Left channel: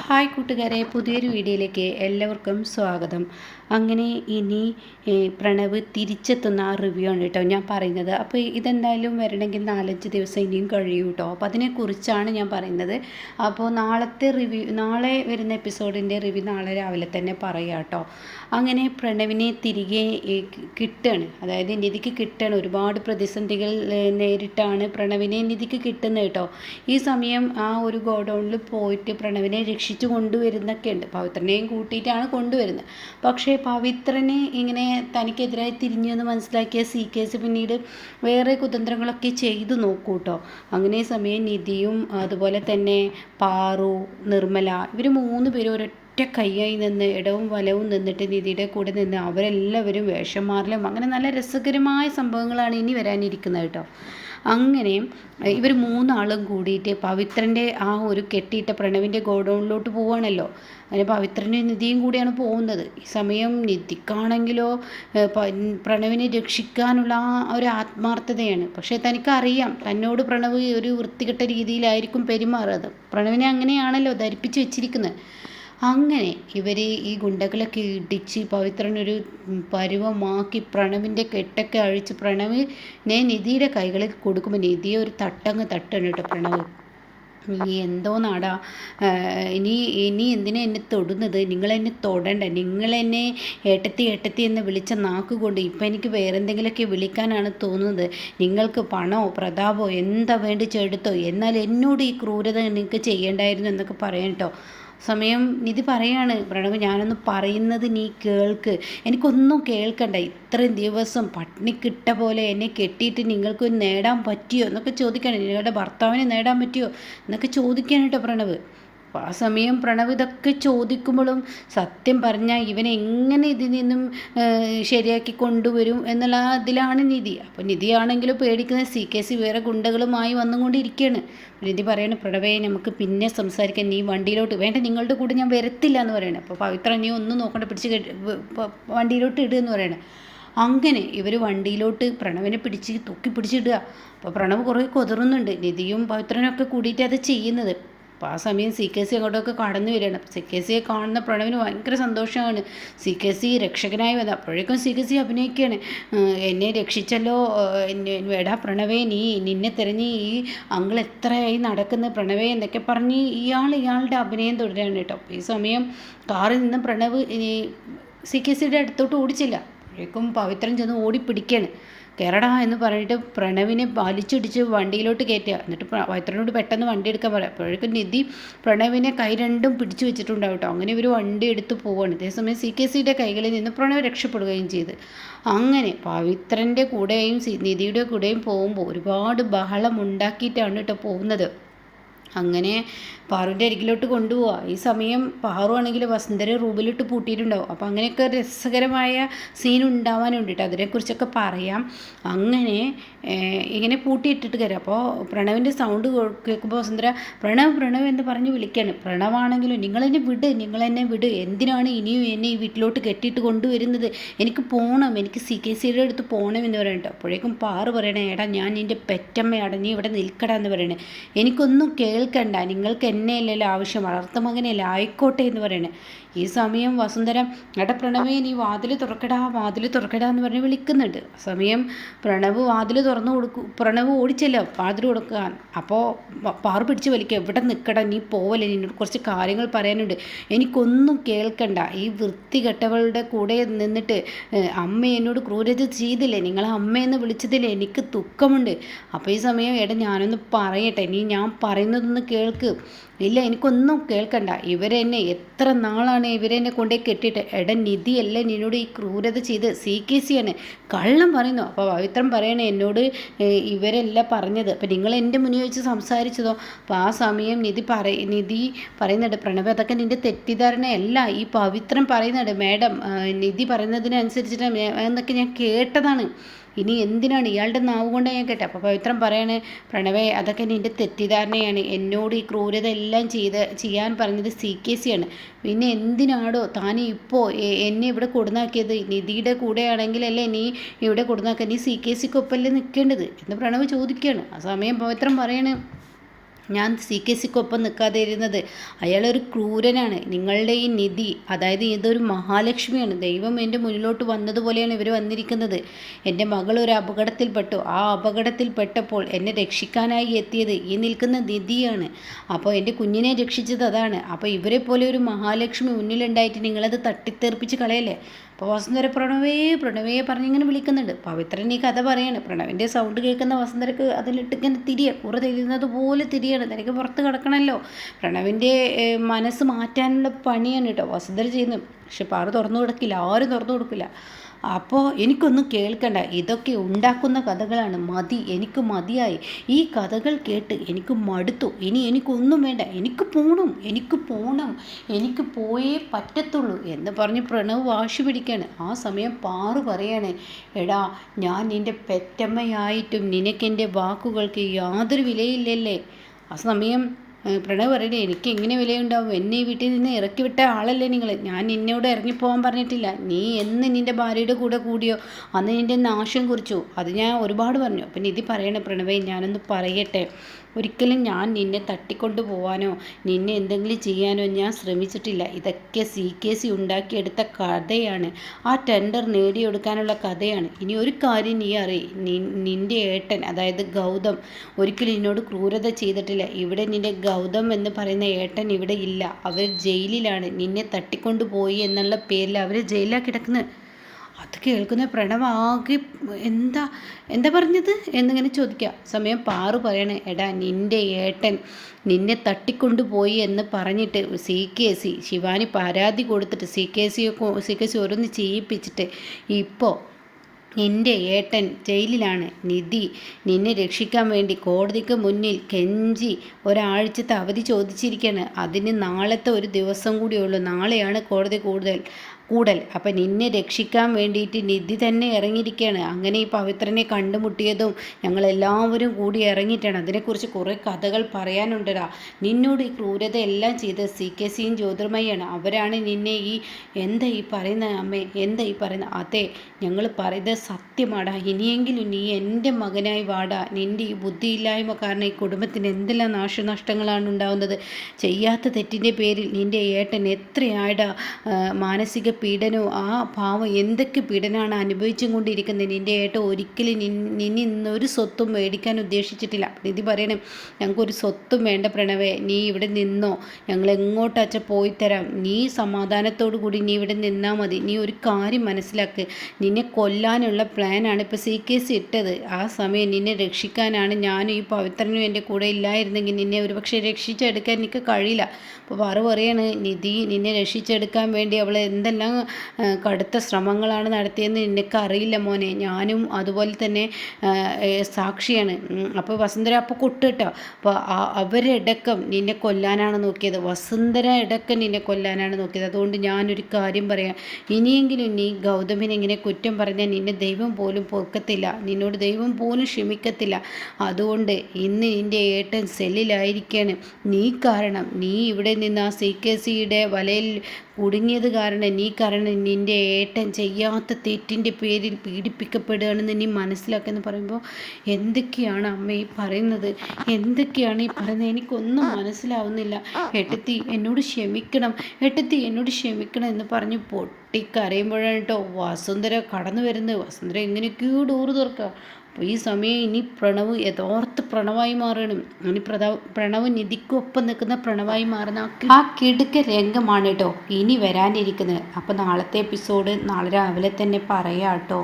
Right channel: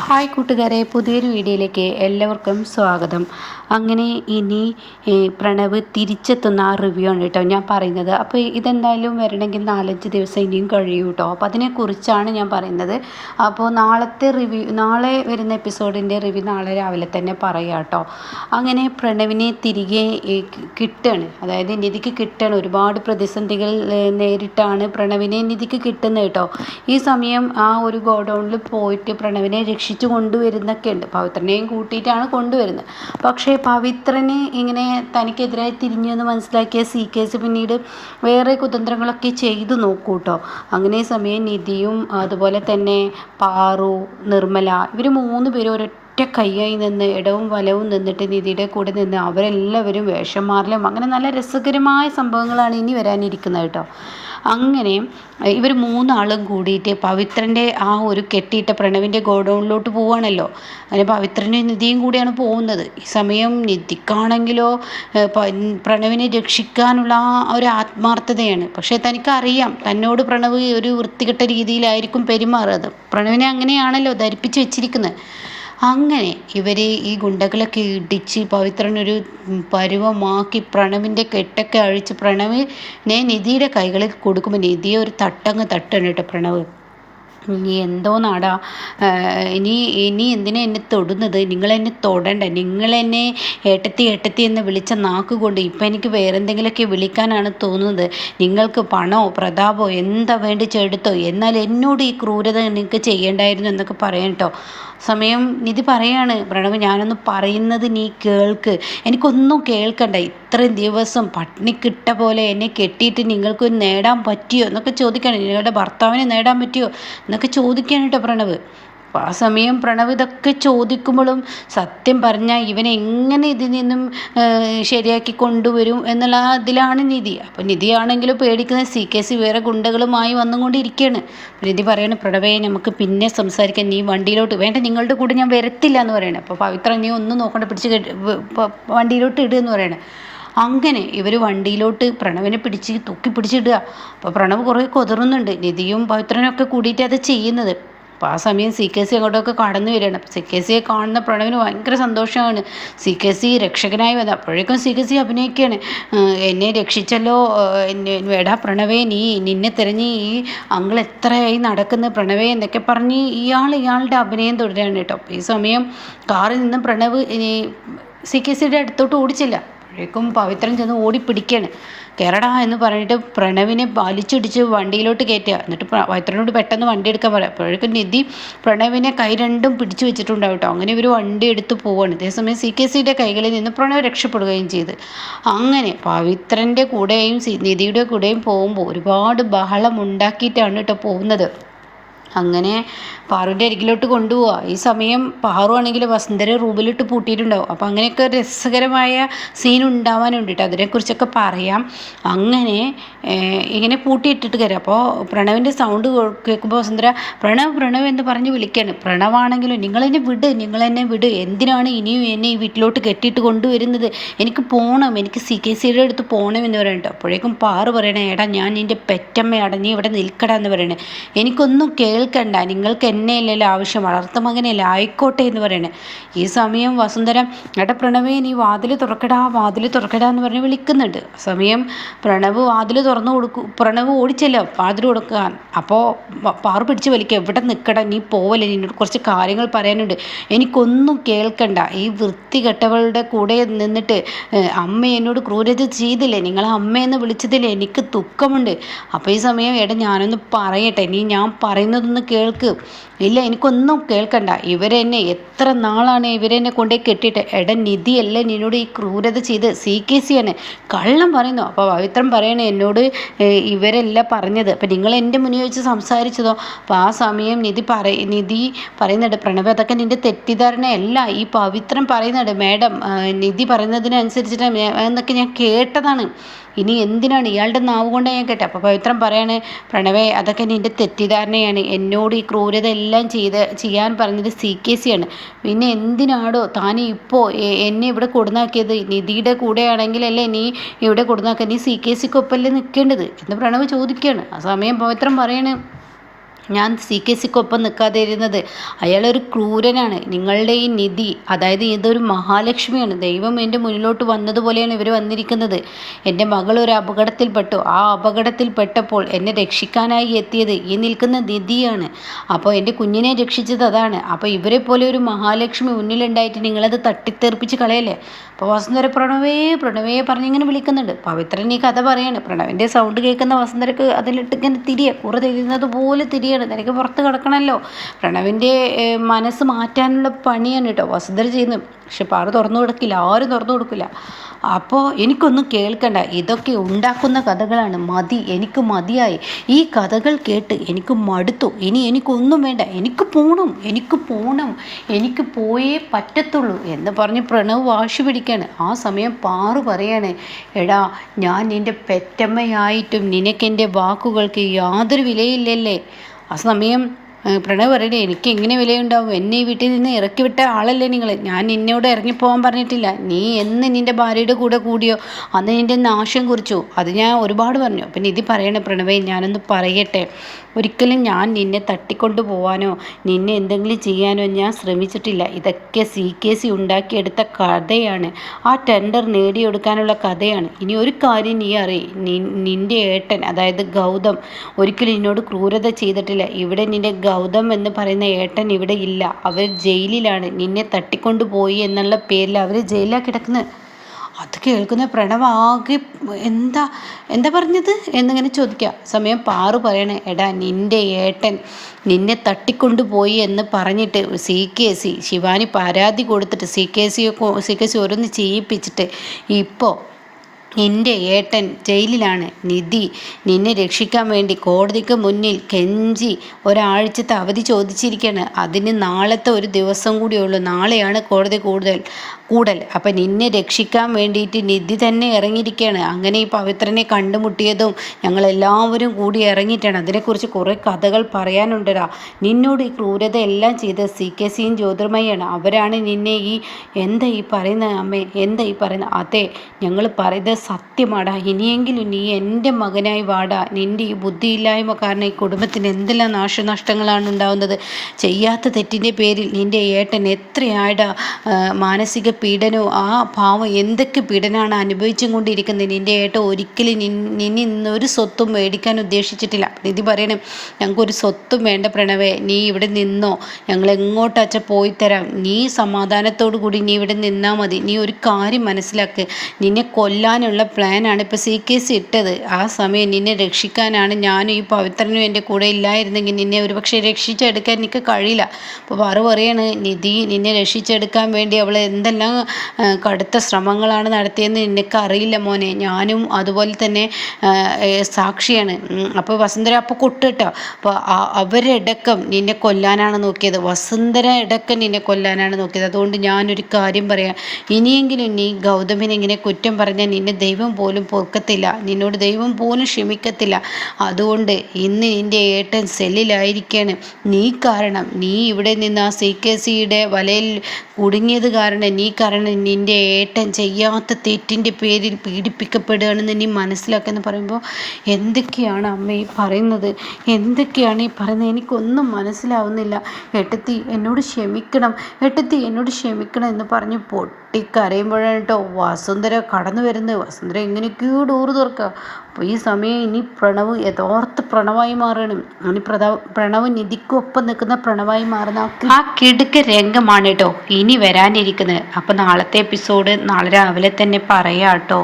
Hi കൂട്ടുകാരെ, പുതിയൊരു വീഡിയോയിലേക്ക് എല്ലാവർക്കും സ്വാഗതം. അങ്ങനെ ഇനി പ്രണവ് തിരിച്ചെത്തുന്ന ആ റിവ്യൂ ആണ് കേട്ടോ ഞാൻ പറയുന്നത്. അപ്പോൾ ഇതെന്തായാലും വരണമെങ്കിൽ 4-5 ദിവസം ഇനിയും കഴിയും കേട്ടോ. അപ്പോൾ അതിനെക്കുറിച്ചാണ് ഞാൻ പറയുന്നത്. അപ്പോൾ നാളെ വരുന്ന എപ്പിസോഡിൻ്റെ റിവ്യൂ നാളെ രാവിലെ തന്നെ പറയാം കേട്ടോ. അങ്ങനെ പ്രണവിനെ തിരികെ കിട്ടുകയാണ്, അതായത് നിധിക്ക് കിട്ടുകയാണ്. ഒരുപാട് പ്രതിസന്ധികൾ നേരിട്ടാണ് പ്രണവിനെ നിധിക്ക് കിട്ടുന്നത് കേട്ടോ. ഈ സമയം ആ ഒരു ഗോഡൗണിൽ പോയിട്ട് പ്രണവിനെ രക്ഷിച്ചു കൊണ്ടുവരുന്നൊക്കെ ഉണ്ട്. പവിത്രനെയും കൂട്ടിയിട്ടാണ് കൊണ്ടുവരുന്നത്. പക്ഷേ പവിത്രന് ഇങ്ങനെ തനിക്കെതിരായി തിരിഞ്ഞു എന്ന് മനസ്സിലാക്കിയ CKC പിന്നീട് വേറെ കുതന്ത്രങ്ങളൊക്കെ ചെയ്തു നോക്കൂ കേട്ടോ. അങ്ങനെ സമയം നിധിയും അതുപോലെ തന്നെ പാറു, നിർമ്മല, ഇവർ 3 പേരും ഒരൊറ്റ കൈയായി നിന്ന് ഇടവും വലവും നിന്നിട്ട് നിധിയുടെ കൂടെ നിന്ന് അവരെല്ലാവരും വേഷം മാറലും അങ്ങനെ നല്ല രസകരമായ സംഭവങ്ങളാണ് ഇനി വരാനിരിക്കുന്നത് കേട്ടോ. അങ്ങനെ ഇവർ 3 ആളും കൂടിയിട്ട് പവിത്രൻ്റെ ആ ഒരു കെട്ടിയിട്ട പ്രണവിൻ്റെ ഗോഡൗണിലോട്ട് പോവുകയാണല്ലോ. അങ്ങനെ പവിത്രനും നിധിയും കൂടിയാണ് പോകുന്നത്. ഈ സമയം നിധിക്കാണെങ്കിലോ പ്രണവിനെ രക്ഷിക്കാനുള്ള ആ ഒരു ആത്മാർത്ഥതയാണ്. പക്ഷേ തനിക്കറിയാം തന്നോട് പ്രണവ് ഒരു വൃത്തികെട്ട രീതിയിലായിരിക്കും പെരുമാറുന്നത്. പ്രണവിനെ അങ്ങനെയാണല്ലോ ധരിപ്പിച്ച് വെച്ചിരിക്കുന്നത്. അങ്ങനെ ഇവർ ഈ ഗുണ്ടകളൊക്കെ ഇടിച്ച് പവിത്രനൊരു പരുവമാക്കി പ്രണവിൻ്റെ കെട്ടൊക്കെ അഴിച്ച് പ്രണവിനെ നിധിയുടെ കൈകളിൽ കൊടുക്കുമ്പോൾ നിധിയെ ഒരു തട്ടങ്ങ് തട്ടണം കേട്ടോ പ്രണവ്. നീ എന്തോ നാടാ, ഇനി എന്തിനാ എന്നെ തൊടുന്നത്? നിങ്ങളെന്നെ തൊടണ്ട. നിങ്ങളെന്നെ ഏട്ടത്തി ഏട്ടത്തി എന്ന് വിളിച്ച നാക്കുകൊണ്ട് ഇപ്പം എനിക്ക് വേറെ എന്തെങ്കിലുമൊക്കെ വിളിക്കാനാണ് തോന്നുന്നത്. നിങ്ങൾക്ക് പണമോ പ്രതാപോ എന്താ വേണ്ടിച്ചെടുത്തോ, എന്നാൽ എന്നോട് ഈ ക്രൂരത നിങ്ങൾക്ക് ചെയ്യേണ്ടായിരുന്നു എന്നൊക്കെ പറയാം കേട്ടോ. സമയം നിധി പറയാണ്, പ്രണവ് ഞാനൊന്ന് പറയുന്നത് നീ കേൾക്ക്. എനിക്കൊന്നും കേൾക്കണ്ട. ഇത്രയും ദിവസം പട്ടിണിക്കിട്ട പോലെ എന്നെ കെട്ടിയിട്ട് നിങ്ങൾക്ക് നേടാൻ പറ്റിയോ എന്നൊക്കെ ചോദിക്കണം. നിങ്ങളുടെ ഭർത്താവിനെ നേടാൻ പറ്റിയോ എന്നൊക്കെ ചോദിക്കാൻ കേട്ടോ പ്രണവ്. അപ്പോൾ ആ സമയം പ്രണവ് ഇതൊക്കെ ചോദിക്കുമ്പോഴും സത്യം പറഞ്ഞാൽ ഇവനെ എങ്ങനെ ഇതിൽ നിന്നും ശരിയാക്കി കൊണ്ടുവരും എന്നുള്ള ഇതിലാണ് നിധി. അപ്പോൾ നിധിയാണെങ്കിലും പേടിക്കുന്ന CKC വേറെ ഗുണ്ടകളുമായി വന്നുകൊണ്ടിരിക്കുകയാണ്. നിധി പറയാണ്, പ്രണവേ നമുക്ക് പിന്നെ സംസാരിക്കാൻ, നീ വണ്ടിയിലോട്ട് വേണ്ട, നിങ്ങളുടെ കൂടെ ഞാൻ വരത്തില്ല എന്ന് പറയണേ. അപ്പോൾ പവിത്ര നീ ഒന്നും നോക്കണ്ട, വണ്ടിയിലോട്ട് ഇടുക എന്ന് പറയണേ. അങ്ങനെ ഇവർ വണ്ടിയിലോട്ട് പ്രണവിനെ തൂക്കി പിടിച്ചിടുക. അപ്പോൾ പ്രണവ് കുറേ കൊതറുന്നുണ്ട്. നിധിയും പവിത്രനൊക്കെ കൂടിയിട്ട് അത് ചെയ്യുന്നത്. അപ്പോൾ ആ സമയം CKC അങ്ങോട്ടൊക്കെ കടന്നു വരികയാണ്. CKCയെ കാണുന്ന പ്രണവിന് ഭയങ്കര സന്തോഷമാണ്. CKC രക്ഷകനായി വന്നത്. അപ്പോഴേക്കും CKC അഭിനയിക്കുകയാണ്, എന്നെ രക്ഷിച്ചല്ലോ വേടാ പ്രണവേ, നിന്നെ തിരഞ്ഞ് ഈ അങ്കിൾ എത്രയായി നടക്കുന്ന പ്രണവേ എന്നൊക്കെ പറഞ്ഞ് ഇയാളുടെ അഭിനയം തുടരുകയാണ് കേട്ടോ. ഈ സമയം കാറിൽ നിന്ന് പ്രണവ് CKCയുടെ അടുത്തോട്ട് ഓടിച്ചില്ല. അപ്പോഴേക്കും പവിത്രൻ ചെന്ന് ഓടിപ്പിടിക്കുകയാണ്. കേരടാ എന്ന് പറഞ്ഞിട്ട് പ്രണവിനെ വലിച്ചിടിച്ച് വണ്ടിയിലോട്ട് കയറ്റുക. എന്നിട്ട് പവിത്രനോട് പെട്ടെന്ന് വണ്ടി എടുക്കാൻ പറയാം. അപ്പോഴേക്കും നിധി പ്രണവിനെ കൈ രണ്ടും പിടിച്ചു വെച്ചിട്ടുണ്ടാവും കേട്ടോ. അങ്ങനെ ഇവർ വണ്ടി എടുത്ത് പോവുകയാണ്. അതേസമയം CKCയുടെ കൈകളിൽ നിന്ന് പ്രണവ് രക്ഷപ്പെടുകയും ചെയ്ത്. അങ്ങനെ പവിത്രൻ്റെ കൂടെയും നിധിയുടെ കൂടെയും പോകുമ്പോൾ ഒരുപാട് ബഹളം ഉണ്ടാക്കിയിട്ടാണ് കേട്ടോ പോകുന്നത്. അങ്ങനെ പാറുവിൻ്റെ അരികിലോട്ട് കൊണ്ടുപോവുക. ഈ സമയം പാറു ആണെങ്കിൽ വസുന്ധര റൂമിലിട്ട് പൂട്ടിയിട്ടുണ്ടാവും. അപ്പോൾ അങ്ങനെയൊക്കെ രസകരമായ സീൻ ഉണ്ടാവാനുണ്ട് കേട്ടോ. അതിനെക്കുറിച്ചൊക്കെ പറയാം. അങ്ങനെ ഇങ്ങനെ പൂട്ടിയിട്ടിട്ട് കയറും. അപ്പോൾ പ്രണവിൻ്റെ സൗണ്ട് കേൾക്കുമ്പോൾ വസുന്ധര പ്രണവ് എന്ന് പറഞ്ഞ് വിളിക്കുകയാണ്. പ്രണവാണെങ്കിലും നിങ്ങളെന്നെ വിട്, എന്തിനാണ് ഇനിയും എന്നെ ഈ വീട്ടിലോട്ട് കെട്ടിയിട്ട് കൊണ്ടുവരുന്നത്? എനിക്ക് പോകണം, എനിക്ക് CKCയുടെ അടുത്ത് പോകണം എന്ന് പറയണം കേട്ടോ. അപ്പോഴേക്കും പാറു പറയണേ, എടാ ഞാൻ നിൻ്റെ പെറ്റമ്മയാണ്, നീ ഇവിടെ നിൽക്കടാ എന്ന് പറയണേ. എനിക്കൊന്നും കേൾക്കണ്ട, നിങ്ങൾക്ക് എന്നെയല്ലല്ലോ ആവശ്യം, വളർത്ത മകനെയല്ല, ആയിക്കോട്ടെ എന്ന് പറയണേ. ഈ സമയം വസുന്ധര ഏട്ടാ പ്രണവേ നീ വാതിൽ തുറക്കടാ എന്ന് പറഞ്ഞ് വിളിക്കുന്നുണ്ട്. സമയം പ്രണവ് വാതിൽ തുറന്നു കൊടുക്കും. പ്രണവ് ഓടിച്ചല്ലോ വാതിൽ കൊടുക്കാൻ. അപ്പോൾ പാറു പിടിച്ച് വലിക്കുക, എവിടെ നിൽക്കടാ, നീ പോവല്ലേ, നിന്നോട് കുറച്ച് കാര്യങ്ങൾ പറയാനുണ്ട്. എനിക്കൊന്നും കേൾക്കണ്ട. ഈ വൃത്തികെട്ടവളുടെ കൂടെ നിന്നിട്ട് അമ്മ എന്നോട് ക്രൂരത ചെയ്തില്ലേ, നിങ്ങളെ അമ്മയെന്ന് വിളിച്ചതില്ലേ, എനിക്ക് ദുഃഖമുണ്ട്. അപ്പോൾ ഈ സമയം ഏട്ടാ ഞാനൊന്ന് പറയട്ടെ, ഞാൻ പറയുന്നതൊന്ന് കേൾക്ക്. ഇല്ല എനിക്കൊന്നും കേൾക്കണ്ട. ഇവരെന്നെ എത്ര നാളാണ് ഇവരെന്നെ കൊണ്ടേ കെട്ടിയിട്ട്. നിധിയല്ല നിന്നോട് ഈ ക്രൂരത ചെയ്ത് CKC ആണ്, കള്ളം പറയുന്നു. അപ്പോൾ പവിത്രൻ പറയണേ, എന്നോട് ഇവരല്ല പറഞ്ഞത്, അപ്പം നിങ്ങൾ എൻ്റെ മുന്നിൽ വെച്ച് സംസാരിച്ചതോ? അപ്പോൾ ആ സമയം നിധി പറയുന്നുണ്ട്, പ്രണവ് അതൊക്കെ നിൻ്റെ തെറ്റിദ്ധാരണയല്ല, ഈ പവിത്രൻ പറയുന്നുണ്ട് മാഡം, നിധി പറയുന്നതിനനുസരിച്ചിട്ട് എന്നൊക്കെ ഞാൻ കേട്ടതാണ്. ഇനി എന്തിനാണ് ഇയാളുടെ നാവ് കൊണ്ടാണ് ഞാൻ കേട്ടത്. അപ്പോൾ പവിത്രൻ പറയാണ്, പ്രണവേ അതൊക്കെ നിൻ്റെ തെറ്റിദ്ധാരണയാണ്, എന്നോട് ഈ ക്രൂരത എല്ലാം ചെയ്യാൻ പറഞ്ഞത് CKC ആണ്. പിന്നെ എന്തിനാടോ താൻ ഇപ്പോൾ എന്നെ ഇവിടെ കൊടുന്നാക്കിയത്? നിധിയുടെ കൂടെ ആണെങ്കിലല്ലേ നീ ഇവിടെ കൊടുന്നാക്കുക, നീ CKCക്കൊപ്പല്ലേ നിൽക്കേണ്ടത് എന്ന് പ്രണവ് ചോദിക്കുകയാണ്. ആ സമയം പവിത്രൻ പറയാണ്, ഞാൻ CKCക്കൊപ്പം നിൽക്കാതെ ഇരുന്നത്. അയാളൊരു ക്രൂരനാണ്. നിങ്ങളുടെ ഈ നിധി, അതായത് ഇതൊരു മഹാലക്ഷ്മിയാണ്. ദൈവം എൻ്റെ മുന്നിലോട്ട് വന്നതുപോലെയാണ് ഇവർ വന്നിരിക്കുന്നത്. എൻ്റെ മകൾ ഒരു അപകടത്തിൽപ്പെട്ടു. ആ അപകടത്തിൽപ്പെട്ടപ്പോൾ എന്നെ രക്ഷിക്കാനായി എത്തിയത് ഈ നിൽക്കുന്ന നിധിയാണ്. അപ്പോൾ എൻ്റെ കുഞ്ഞിനെ രക്ഷിച്ചത് അതാണ്. അപ്പോൾ ഇവരെ പോലെ ഒരു മഹാലക്ഷ്മി മുന്നിലുണ്ടായിട്ട് നിങ്ങളത് തട്ടിത്തെറിപ്പിച്ച് കളയല്ലേ? അപ്പോൾ വസുന്ധര പ്രണവേ പ്രണവേ പറഞ്ഞിങ്ങനെ വിളിക്കുന്നുണ്ട്. പവിത്രൻ ഈ കഥ പറയാണ്. പ്രണവിൻ്റെ സൗണ്ട് കേൾക്കുന്ന വസുന്ധരക്ക് അതിലിട്ട് ഇങ്ങനെ കുറെ തിരിയുന്നത് പോലെ തിരിയാണ്. നിനക്ക് പുറത്ത് കിടക്കണമല്ലോ. പ്രണവിൻ്റെ മനസ്സ് മാറ്റാനുള്ള പണിയാണ് കേട്ടോ വസുന്ധര ചെയ്യുന്നത്. പക്ഷെ പാറ തുറന്നു കൊടുക്കില്ല, ആരും തുറന്നു കൊടുക്കില്ല. അപ്പോൾ എനിക്കൊന്നും കേൾക്കണ്ട, ഇതൊക്കെ ഉണ്ടാക്കുന്ന കഥകളാണ്. മതി, എനിക്ക് മതിയായി. ഈ കഥകൾ കേട്ട് എനിക്ക് മടുത്തു. ഇനി എനിക്കൊന്നും വേണ്ട. എനിക്ക് പോകണം, എനിക്ക് പോയേ പറ്റത്തുള്ളൂ എന്ന് പറഞ്ഞ് പ്രണവ് വാശി പിടിക്കുകയാണ്. ആ സമയം പാറു പറയാണ്, എടാ ഞാൻ നിൻ്റെ പെറ്റമ്മയായിട്ടും നിനക്കെൻ്റെ വാക്കുകൾക്ക് യാതൊരു വിലയില്ലല്ലേ? ആ സമയം പ്രണവ് പറയണേ, എനിക്ക് എങ്ങനെ വിലയുണ്ടാവും? എന്നെ ഈ വീട്ടിൽ നിന്ന് ഇറക്കി വിട്ട ആളല്ലേ നിങ്ങൾ. ഞാൻ നിന്നോട് ഇറങ്ങിപ്പോകാൻ പറഞ്ഞിട്ടില്ല. നീ എന്ന് നിൻ്റെ ഭാര്യയുടെ കൂടെ കൂടിയോ അന്ന് നിൻ്റെ നാശം കുറിച്ചു. അത് ഞാൻ ഒരുപാട് പറഞ്ഞു. അപ്പം നിധി പറയണേ, പ്രണവേ ഞാനൊന്ന് പറയട്ടെ, ഒരിക്കലും ഞാൻ നിന്നെ തട്ടിക്കൊണ്ടു പോവാനോ നിന്നെ എന്തെങ്കിലും ചെയ്യാനോ ഞാൻ ശ്രമിച്ചിട്ടില്ല. ഇതൊക്കെ CKC ഉണ്ടാക്കിയെടുത്ത കഥയാണ്. ആ ടെൻഡർ നേടിയെടുക്കാനുള്ള കഥയാണ്. ഇനി ഒരു കാര്യം നീ നിൻ്റെ ഏട്ടൻ, അതായത് ഗൗതം, ഒരിക്കലും എന്നോട് ക്രൂരത ചെയ്തിട്ടില്ല. ഇവിടെ നിൻ്റെ ഗൗതം എന്ന് പറയുന്ന ഏട്ടൻ ഇവിടെ ഇല്ല. അവർ ജയിലിലാണ്. നിന്നെ തട്ടിക്കൊണ്ടു പോയി എന്നുള്ള പേരിൽ അവർ ജയിലിലാണ് കിടക്കുന്നത്. അത് കേൾക്കുന്ന പ്രണവ് ആകെ എന്താ എന്താ പറഞ്ഞത് എന്നിങ്ങനെ ചോദിക്കുക. സമയം പാറു പറയണേ, എടാ നിൻ്റെ ഏട്ടൻ നിന്നെ പോയി എന്ന് പറഞ്ഞിട്ട് CKC ശിവാനി പരാതി കൊടുത്തിട്ട് CKC ഓരോന്ന് ചെയ്യിപ്പിച്ചിട്ട് ഇപ്പോൾ നിൻ്റെ ഏട്ടൻ ജയിലിലാണ്. നിധി നിന്നെ രക്ഷിക്കാൻ വേണ്ടി കോടതിക്ക് മുന്നിൽ കെഞ്ചി ഒരാഴ്ചത്തെ അവധി ചോദിച്ചിരിക്കുകയാണ്. അതിന് നാളത്തെ ഒരു ദിവസം കൂടിയുള്ളൂ. നാളെയാണ് കോടതി കൂടൽ. അപ്പം നിന്നെ രക്ഷിക്കാൻ വേണ്ടിയിട്ട് നിധി തന്നെ ഇറങ്ങിയിരിക്കുകയാണ്. അങ്ങനെ ഈ പവിത്രനെ കണ്ടുമുട്ടിയതും ഞങ്ങളെല്ലാവരും കൂടി ഇറങ്ങിയിട്ടാണ്. അതിനെക്കുറിച്ച് കുറേ കഥകൾ പറയാനുണ്ടടാ. നിന്നോട് ഈ ക്രൂരത എല്ലാം ചെയ്ത CKCയും ജ്യോതിർമയാണ്. അവരാണ് നിന്നെ എന്താ ഈ പറയുന്നത് അമ്മേ, എന്താ ഈ പറയുന്നത്? അതെ, ഞങ്ങൾ പറയുന്നത് സത്യമാടാ. ഇനിയെങ്കിലും നീ എൻ്റെ മകനായി വാടാ. നിൻ്റെ ഈ ബുദ്ധിയില്ലായ്മ കാരണം ഈ കുടുംബത്തിന് എന്തെല്ലാം നാശനഷ്ടങ്ങളാണ് ഉണ്ടാവുന്നത്. ചെയ്യാത്ത തെറ്റിൻ്റെ പേരിൽ നിൻ്റെ ഏട്ടൻ എത്രയായിടാ മാനസിക പീഡനവും ആ പാവം എന്തൊക്കെ പീഡനമാണ് അനുഭവിച്ചും കൊണ്ടിരിക്കുന്നത്. നിൻ്റെ ഏട്ടൻ ഒരിക്കലും നിന്നൊരു സ്വത്തും മേടിക്കാൻ ഉദ്ദേശിച്ചിട്ടില്ല. നിധി പറയണം, ഞങ്ങൾക്കൊരു സ്വത്തും വേണ്ട പ്രണവേ, നീ ഇവിടെ നിന്നോ, ഞങ്ങൾ എങ്ങോട്ടാച്ച പോയി തരാം. നീ സമാധാനത്തോടു കൂടി നീ ഇവിടെ നിന്നാൽ മതി. നീ ഒരു കാര്യം മനസ്സിലാക്ക്, നിന്നെ കൊല്ലാനുള്ള പ്ലാനാണ് ഇപ്പോൾ CKC ഇട്ടത്. ആ സമയം നിന്നെ രക്ഷിക്കാനാണ്. ഞാനും ഈ പവിത്രനും എൻ്റെ കൂടെ ഇല്ലായിരുന്നെങ്കിൽ നിന്നെ ഒരുപക്ഷെ രക്ഷിച്ചെടുക്കാൻ എനിക്ക് കഴിയില്ല. അപ്പോൾ പറയാണ്, നിധി നിന്നെ രക്ഷിച്ചെടുക്കാൻ വേണ്ടി അവൾ എന്തെല്ലാം കടുത്ത ശ്രമങ്ങളാണ് നടത്തിയെന്ന് നിനക്ക് അറിയില്ല മോനെ. ഞാനും അതുപോലെ തന്നെ സാക്ഷിയാണ്. അപ്പോൾ വസുന്ധര അപ്പോൾ കൊട്ടുട്ടോ. അപ്പോൾ അവരടക്കം നിന്നെ കൊല്ലാനാണ് നോക്കിയത്. വസുന്ധര അടക്കം നിന്നെ കൊല്ലാനാണ് നോക്കിയത്. അതുകൊണ്ട് ഞാനൊരു കാര്യം പറയാം, ഇനിയെങ്കിലും നീ ഗൗതമിനെ ഇങ്ങനെ കുറ്റം പറഞ്ഞാൽ നിന്നെ ദൈവം പോലും പൊറുക്കത്തില്ല. നിന്നോട് ദൈവം പോലും ക്ഷമിക്കത്തില്ല. അതുകൊണ്ട് ഇന്ന് നിൻ്റെ ഏട്ടൻ സെല്ലിലായിരിക്കുകയാണ്. നീ കാരണം, നീ ഇവിടെ നിന്ന് ആ CKCയുടെ വലയിൽ കുടുങ്ങിയത് കാരണം, നീ കാരണം നിൻ്റെ ഏട്ടൻ ചെയ്യാത്ത തെറ്റിൻ്റെ പേരിൽ പീഡിപ്പിക്കപ്പെടുകയാണെന്ന് നീ മനസ്സിലാക്കുമെന്ന് പറയുമ്പോൾ എന്തൊക്കെയാണ് അമ്മ ഈ പറയുന്നത്? എന്തൊക്കെയാണ് ഈ പറയുന്നത്? എനിക്കൊന്നും മനസ്സിലാവുന്നില്ല. ഏട്ടത്തി എന്നോട് ക്ഷമിക്കണം, ഏട്ടത്തി എന്നോട് ക്ഷമിക്കണം എന്ന് പറഞ്ഞ് പൊട്ടിക്കരയുമ്പോഴാണ് കേട്ടോ വസുന്ധര കടന്നു വരുന്നത്. വസുന്ധര എങ്ങനെയൊക്കെയോ ഡോറ് തുറക്കുക. അപ്പോൾ ഈ സമയം ഇനി പ്രണവ് യഥാർത്ഥ പ്രണവായി മാറണം. ഇനി പ്രണവ് നിധിക്കൊപ്പം നിൽക്കുന്ന പ്രണവായി മാറുന്ന ആ കിടുക്ക രംഗമാണ് കേട്ടോ ഇനി വരാനിരിക്കുന്നത്. അപ്പോൾ നാളത്തെ എപ്പിസോഡ് നാളെ രാവിലെ തന്നെ പറയാം കേട്ടോ.